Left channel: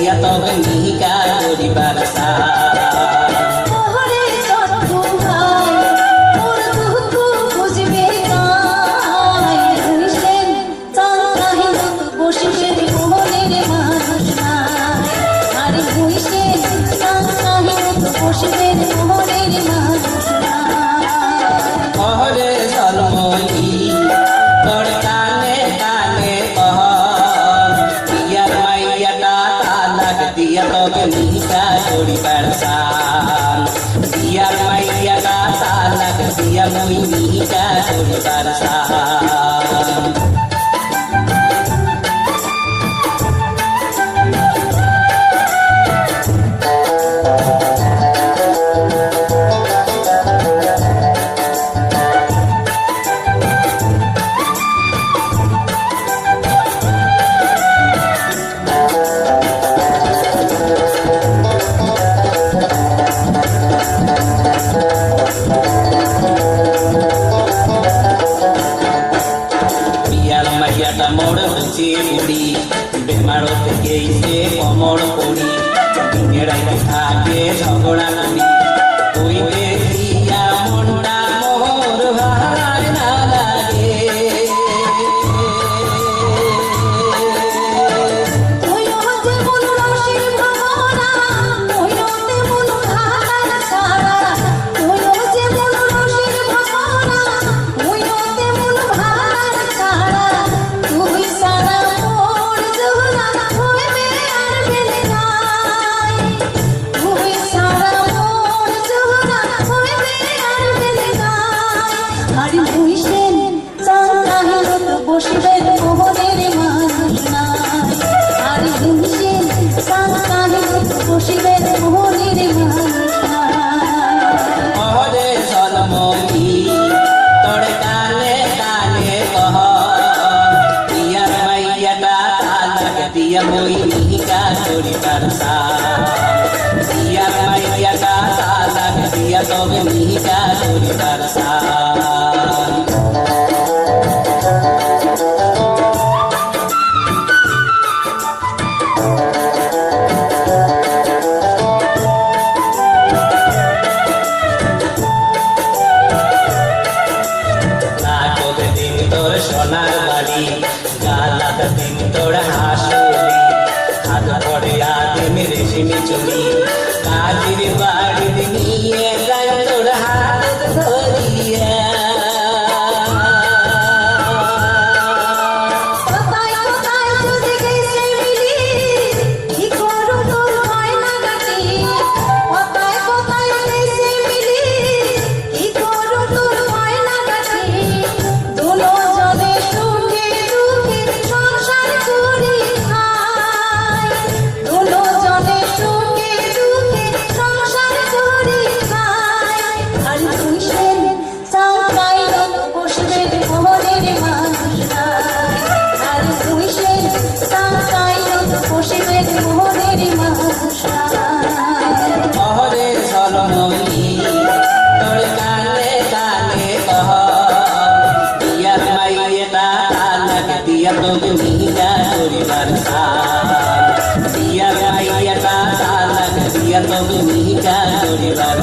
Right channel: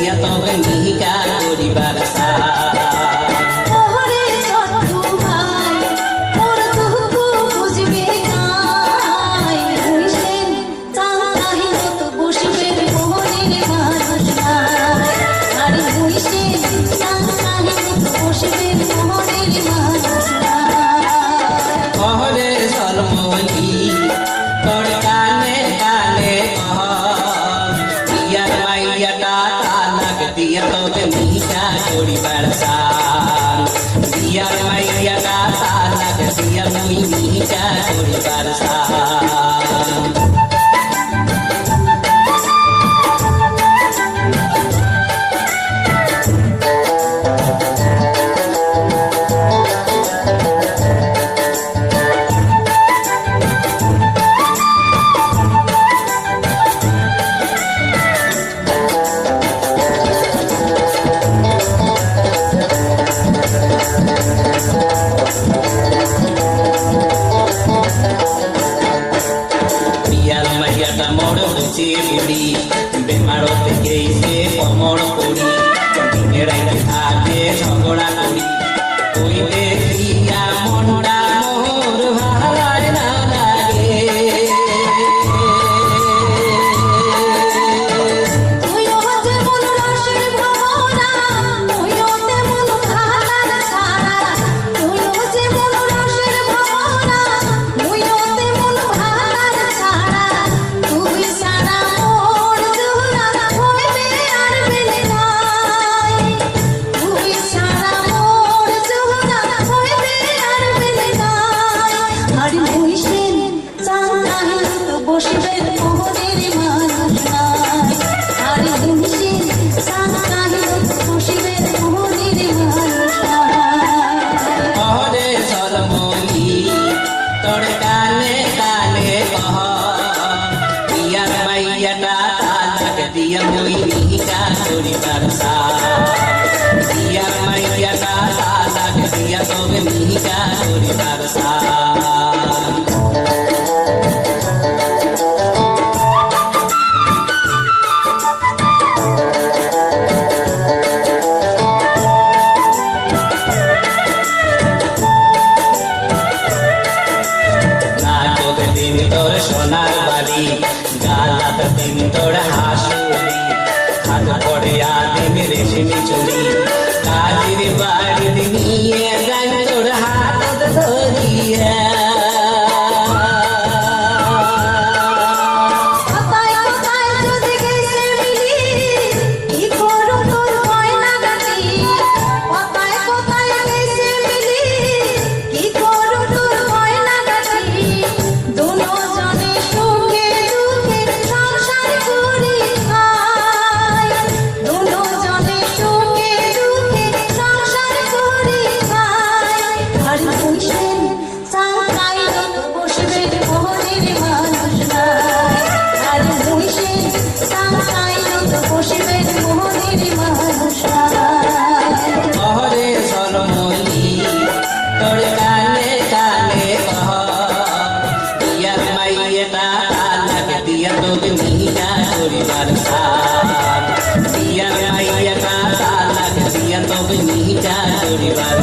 দিয়া তবে মিহিকা করিবার দিয়া তবে মিহিকা করিবার দিয়া মাইয়াটা তালাক দিয়া মুই মিহিকা করিবার মোড় হচ্ছে মুড়ি বেমারতে গেছে কমর পড়ি দিনের থাকে ঝগড়া করি তুই দেখিয়া মনটা মোর ভার না লাগে দিয়া মই মিহিকা করিবার দিয়া মাইয়াটা তালাক দিয়া তবে মিহিকা করিবার দিন তোর সোনার বাড়ি গালাত দিন তোর হাসুলি হাত পড়ে আদিম রেশমি চুরি কাজির বাড়ি নিয়ে যাই তোর হাত ধরিয়া দিয়া তবে মিহিকা করিবার দিয়া মাইয়াটা তালাক দিয়া তবে মিহিকা করিবার